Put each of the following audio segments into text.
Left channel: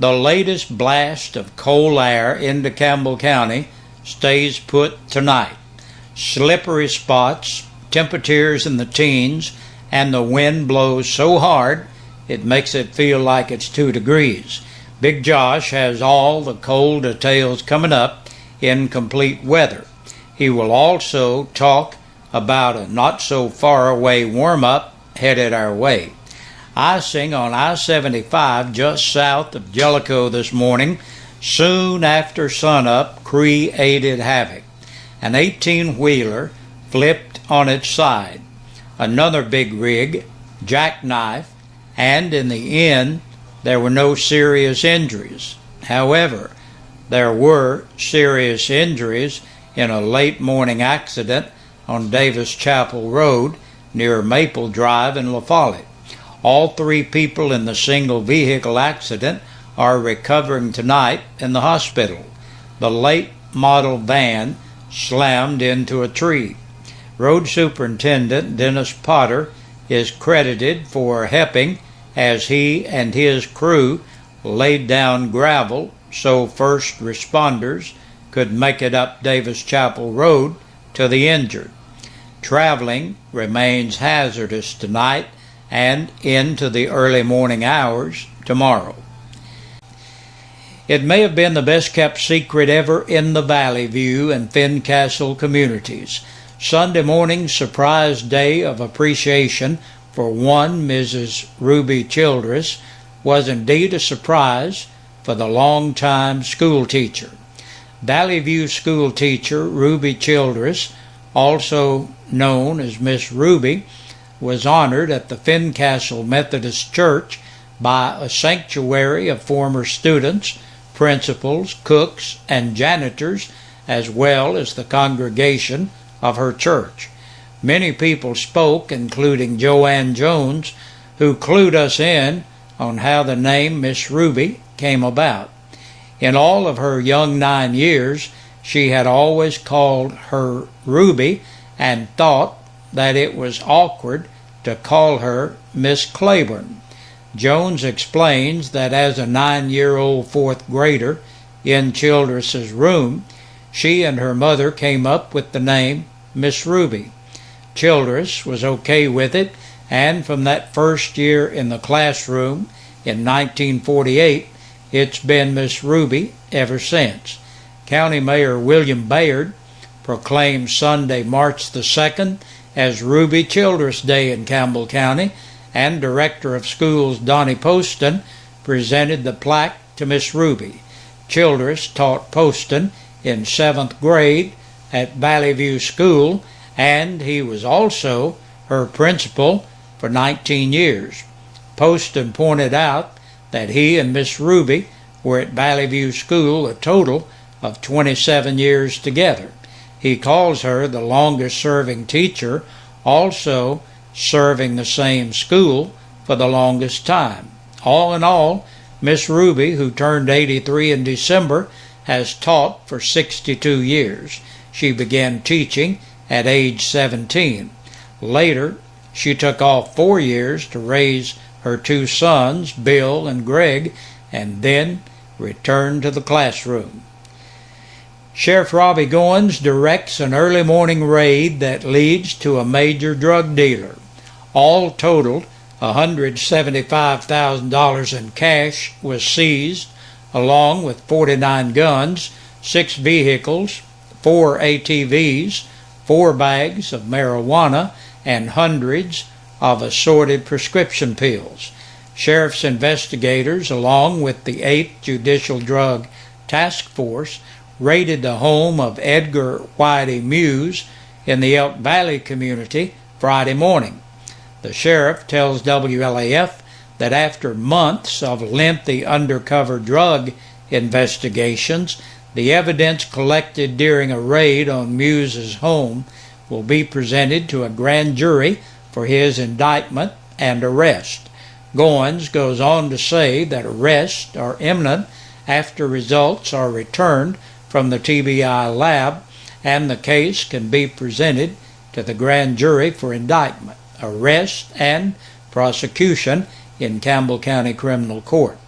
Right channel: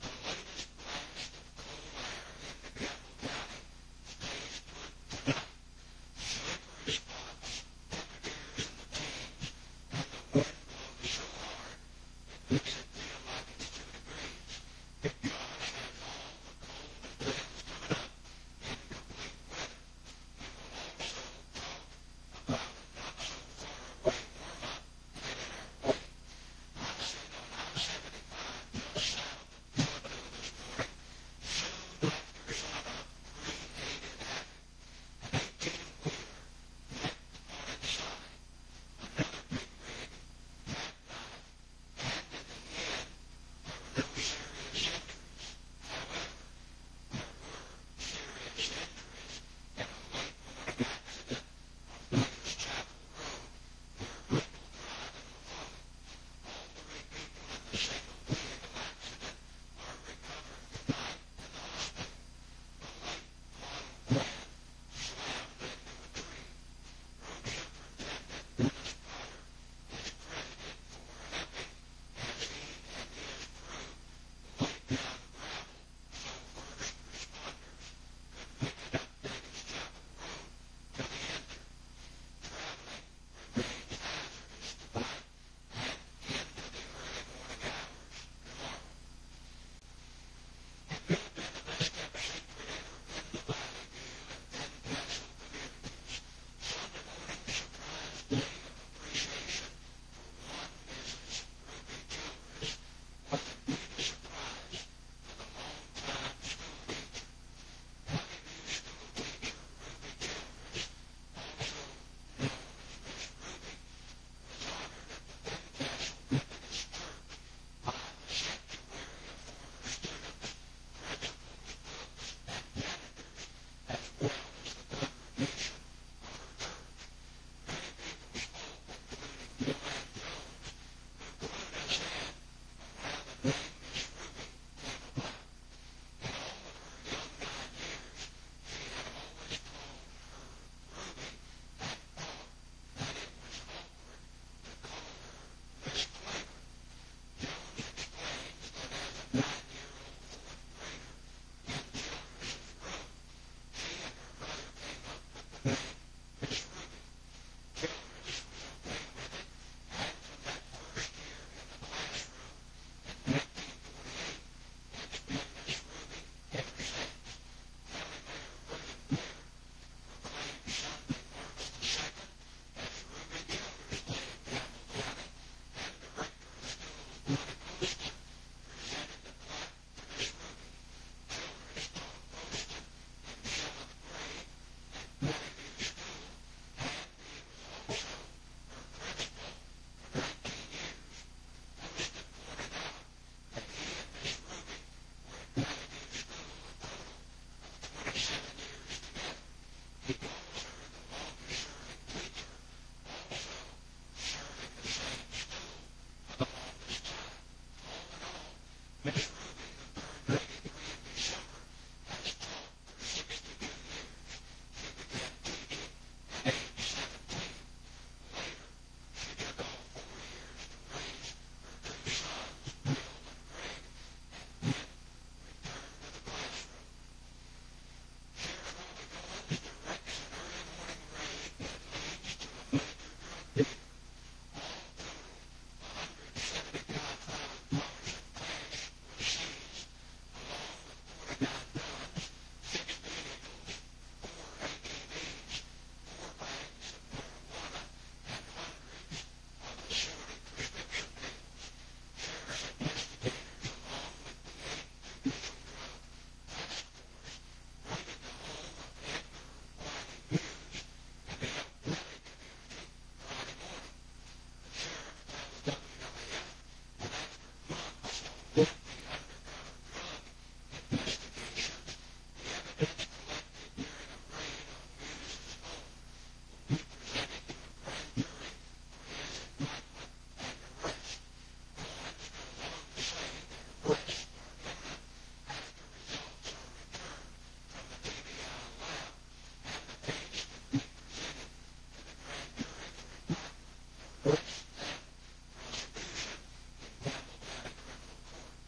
The latest blast of cold air into Campbell County stays put tonight. Slippery spots, temperatures in the teens, and the wind blows so hard it makes it feel like it's 2 degrees. Big Josh has all the cold details coming up in Complete Weather. He will also talk about a not-so-far-away warm-up headed our way. Icing on I-75 just south of Jellicoe this morning, soon after sunup, created havoc. An 18-wheeler flipped on its side. Another big rig jackknifed, and in the end, there were no serious injuries. However, there were serious injuries in a late morning accident on Davis Chapel Road near Maple Drive in La Follette. All 3 people in the single vehicle accident are recovering tonight in the hospital. The late model van slammed into a tree. Road Superintendent Dennis Potter is credited for helping as he and his crew laid down gravel so first responders could make it up Davis Chapel Road to the injured. Traveling remains hazardous tonight and into the early morning hours tomorrow. It may have been the best kept secret ever in the Valley View and Fincastle communities. Sunday morning's surprise day of appreciation for one Mrs. Ruby Childress was indeed a surprise for the longtime school teacher. Valley View school teacher Ruby Childress, also known as Miss Ruby, was honored at the Fincastle Methodist Church by a sanctuary of former students, principals, cooks, and janitors, as well as the congregation of her church. Many people spoke, including Joanne Jones, who clued us in on how the name Miss Ruby came about. In all of her young 9 years, she had always called her Ruby and thought that it was awkward to call her Miss Claiborne. Jones explains that as a 9-year-old fourth grader in Childress's room, she and her mother came up with the name Miss Ruby. Childress was okay with it, and from that first year in the classroom in 1948, it's been Miss Ruby ever since. County Mayor William Bayard proclaimed Sunday, March the 2nd, as Ruby Childress Day in Campbell County, and Director of Schools Donnie Poston presented the plaque to Miss Ruby. Childress taught Poston in 7th grade at Valley View School, and he was also her principal for 19 years. Poston pointed out that he and Miss Ruby were at Valley View School a total of 27 years together. He calls her the longest-serving teacher, also serving the same school for the longest time. All in all, Miss Ruby, who turned 83 in December, has taught for 62 years. She began teaching at age 17. Later, she took off 4 years to raise her 2 sons, Bill and Greg, and then returned to the classroom. Sheriff Robbie Goins directs an early morning raid that leads to a major drug dealer. All totaled, $175,000 in cash was seized, along with 49 guns, 6 vehicles, 4 ATVs, 4 bags of marijuana, and hundreds of assorted prescription pills. Sheriff's investigators, along with the 8th Judicial Drug Task Force, raided the home of Edgar Whitey Muse in the Elk Valley community Friday morning. The sheriff tells WLAF that after months of lengthy undercover drug investigations, the evidence collected during a raid on Muse's home will be presented to a grand jury for his indictment and arrest. Goins goes on to say that arrests are imminent after results are returned from the TBI lab and the case can be presented to the grand jury for indictment, arrest, and prosecution in Campbell County Criminal Court.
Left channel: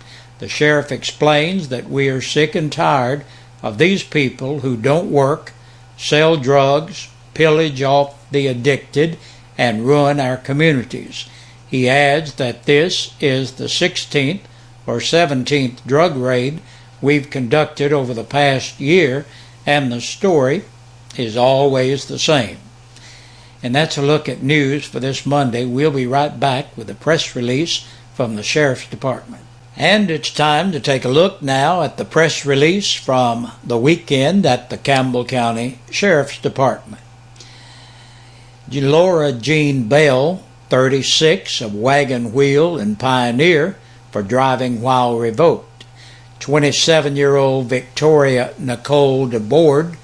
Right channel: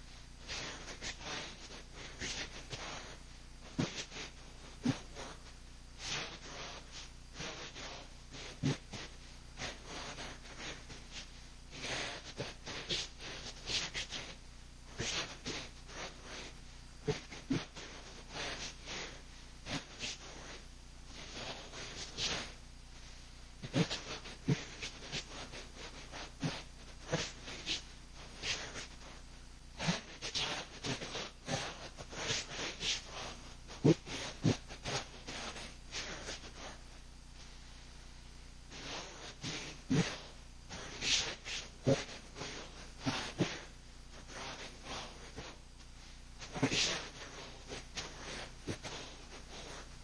The sheriff explains that we are sick and tired of these people who don't work, sell drugs, pillage off the addicted, and ruin our communities. He adds that this is the 16th or 17th drug raid we've conducted over the past year, and the story is always the same. And that's a look at news for this Monday. We'll be right back with a press release from the Sheriff's Department. And it's time to take a look now at the press release from the weekend at the Campbell County Sheriff's Department. Laura Jean Bell, 36, of Wagon Wheel and Pioneer, for driving while revoked. 27-year-old Victoria Nicole DeBoard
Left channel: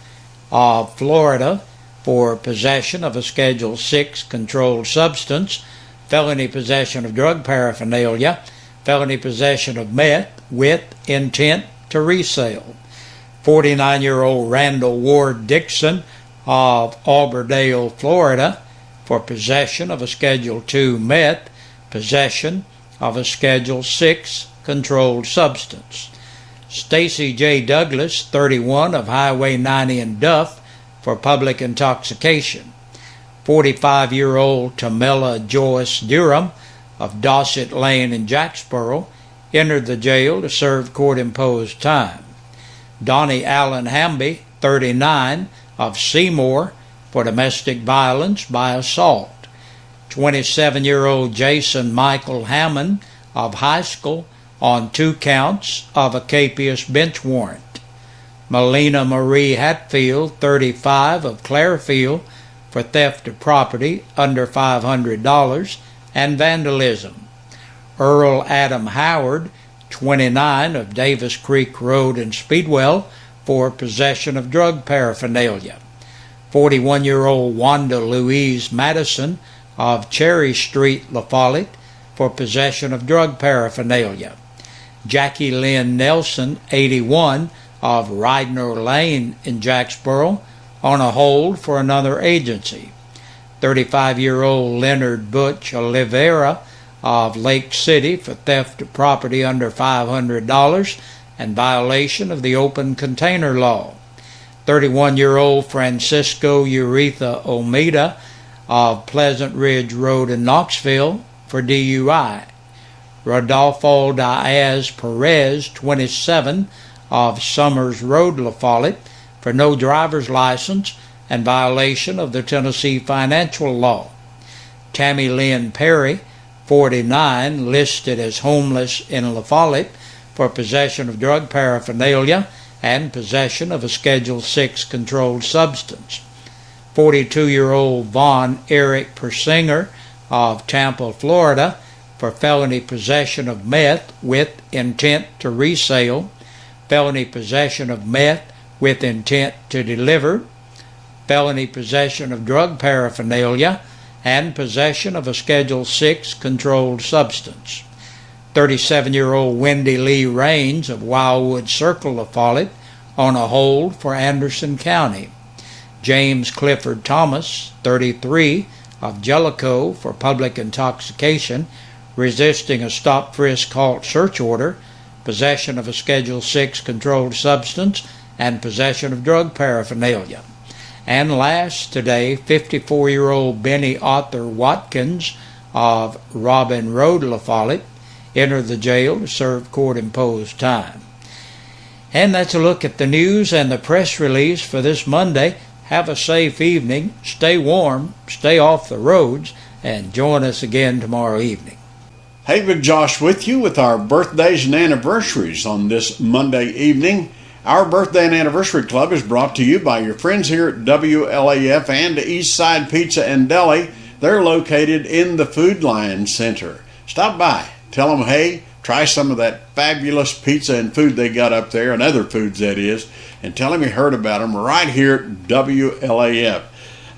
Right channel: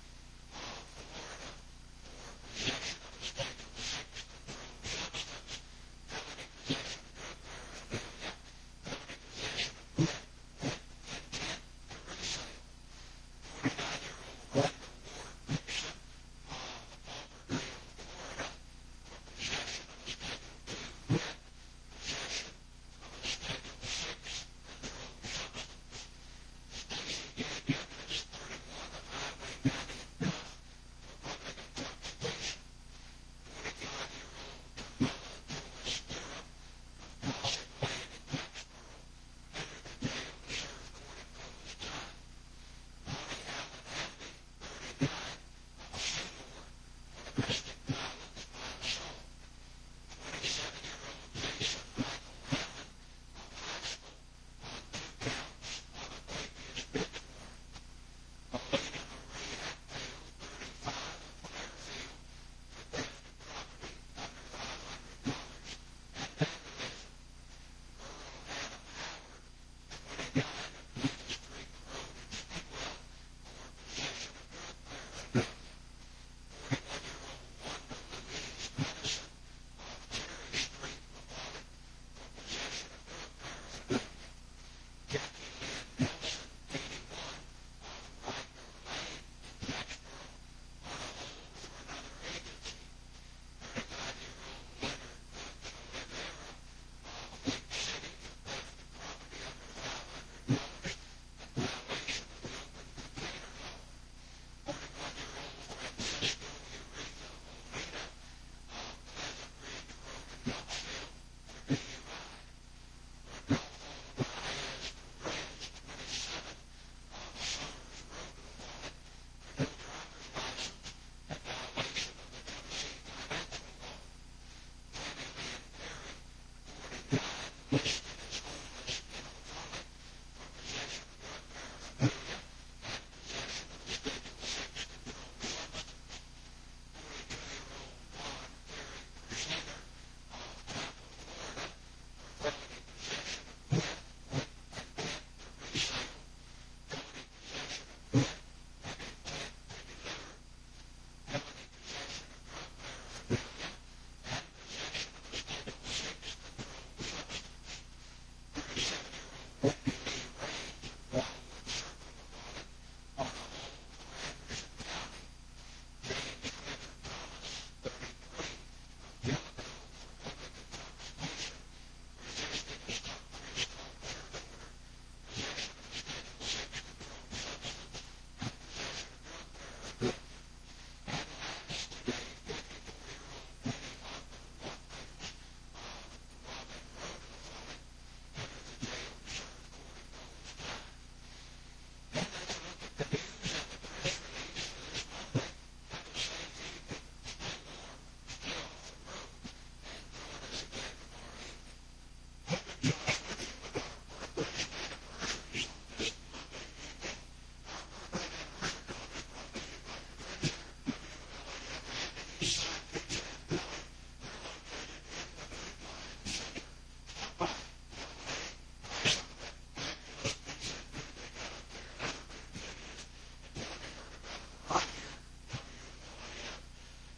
of Florida, for possession of a Schedule 6 controlled substance, felony possession of drug paraphernalia, felony possession of meth with intent to resale. 49-year-old Randall Ward Dixon of Auberdale, Florida, for possession of a Schedule 2 meth, possession of a Schedule 6 controlled substance. Stacy J. Douglas, 31, of Highway 90 in Duff, for public intoxication. 45-year-old Tamela Joyce Durham of Dossett Lane in Jacksboro entered the jail to serve court-imposed time. Donnie Allen Hamby, 39, of Seymour, for domestic violence by assault. 27-year-old Jason Michael Hammond of High School on 2 counts of a capious bench warrant. Melina Marie Hatfield, 35, of Clarefield, for theft of property under $500 and vandalism. Earl Adam Howard, 29, of Davis Creek Road in Speedwell, for possession of drug paraphernalia. 41-year-old Wanda Louise Madison of Cherry Street, La Follette, for possession of drug paraphernalia. Jackie Lynn Nelson, 81, of Ridner Lane in Jacksboro, on a hold for another agency. 35-year-old Leonard Butch Oliveira of Lake City, for theft of property under $500 and violation of the open container law. 31-year-old Francisco Uretha Olmeda of Pleasant Ridge Road in Knoxville, for DUI. Rodolfo Diaz Perez, 27, of Summers Road, La Follette, for no driver's license and violation of the Tennessee financial law. Tammy Lynn Perry, 49, listed as homeless in La Follette, for possession of drug paraphernalia and possession of a Schedule 6 controlled substance. 42-year-old Vaughn Eric Persinger of Tampa, Florida, for felony possession of meth with intent to resale, felony possession of meth with intent to deliver, felony possession of drug paraphernalia, and possession of a Schedule 6 controlled substance. 37-year-old Wendy Lee Raines of Wildwood Circle, La Follette, on a hold for Anderson County. James Clifford Thomas, 33, of Jellicoe, for public intoxication, resisting a stop-frisk-halt search order, possession of a Schedule 6 controlled substance, and possession of drug paraphernalia. And last today, 54-year-old Benny Arthur Watkins of Robin Road, La Follette, entered the jail to serve court-imposed time. And that's a look at the news and the press release for this Monday. Have a safe evening, stay warm, stay off the roads, and join us again tomorrow evening. Hey, Big Josh with you with our birthdays and anniversaries on this Monday evening. Our Birthday and Anniversary Club is brought to you by your friends here at WLAF and Eastside Pizza and Deli. They're located in the Food Lion Center. Stop by, tell them, hey, try some of that fabulous pizza and food they got up there, and other foods that is, and tell them you heard about them right here at WLAF.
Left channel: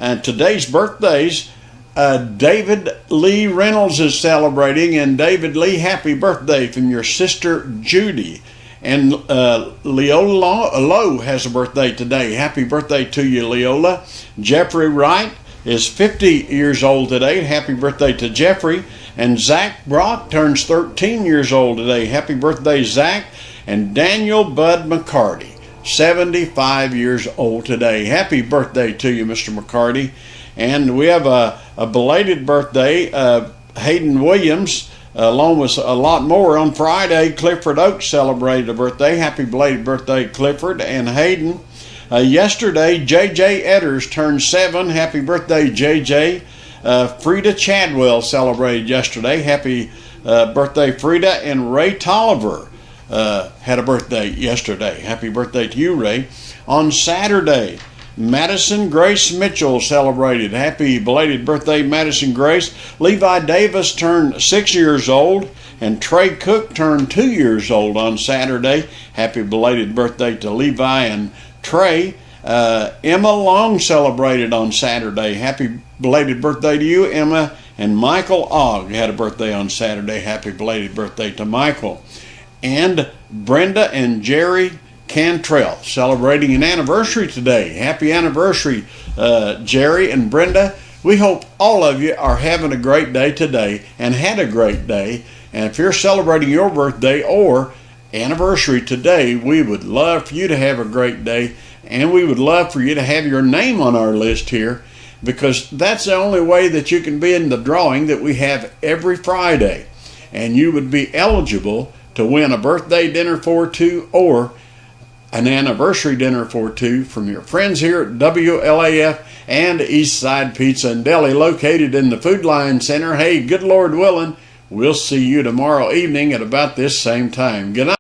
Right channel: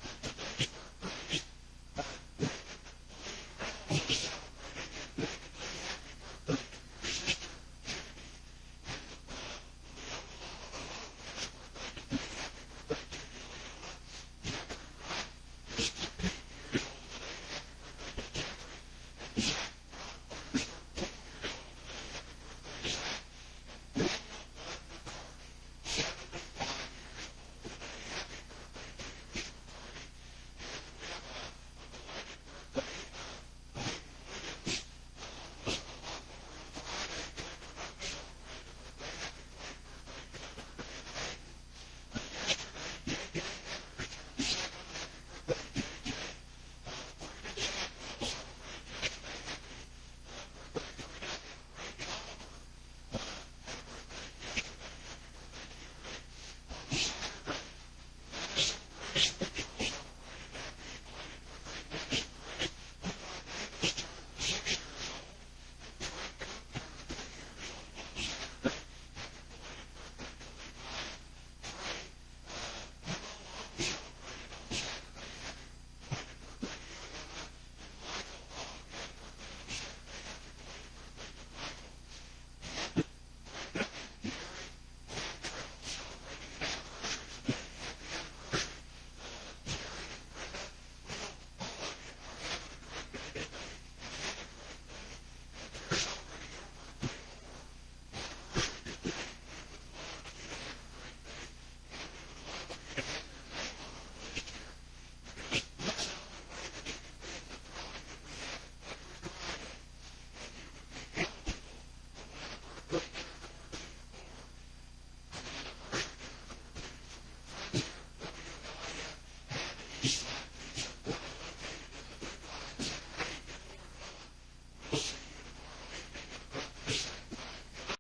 And today's birthdays, David Lee Reynolds is celebrating, and David Lee, happy birthday from your sister Judy. And Leola Lowe has a birthday today. Happy birthday to you, Leola. Jeffrey Wright is 50 years old today. Happy birthday to Jeffrey. And Zach Brock turns 13 years old today. Happy birthday, Zach. And Daniel Bud McCarty, 75 years old today. Happy birthday to you, Mr. McCarty. And we have a belated birthday, Hayden Williams, along with a lot more. On Friday, Clifford Oaks celebrated a birthday. Happy belated birthday, Clifford and Hayden. Yesterday, J.J. Edders turned 7. Happy birthday, J.J. Frida Chadwell celebrated yesterday. Happy birthday, Frida. And Ray Tolliver had a birthday yesterday. Happy birthday to you, Ray. On Saturday, Madison Grace Mitchell celebrated. Happy belated birthday, Madison Grace. Levi Davis turned 6 years old, and Trey Cook turned 2 years old on Saturday. Happy belated birthday to Levi and Trey. Emma Long celebrated on Saturday. Happy belated birthday to you, Emma. And Michael Ogg had a birthday on Saturday. Happy belated birthday to Michael. And Brenda and Jerry Cantrell celebrating an anniversary today. Happy anniversary, Jerry and Brenda. We hope all of you are having a great day today and had a great day. And if you're celebrating your birthday or anniversary today, we would love for you to have a great day, and we would love for you to have your name on our list here, because that's the only way that you can be in the drawing that we have every Friday. And you would be eligible to win a birthday dinner for two or an anniversary dinner for two from your friends here at WLAF and Eastside Pizza and Deli, located in the Food Line Center. Hey, good Lord willing, we'll see you tomorrow evening at about this same time. Good night.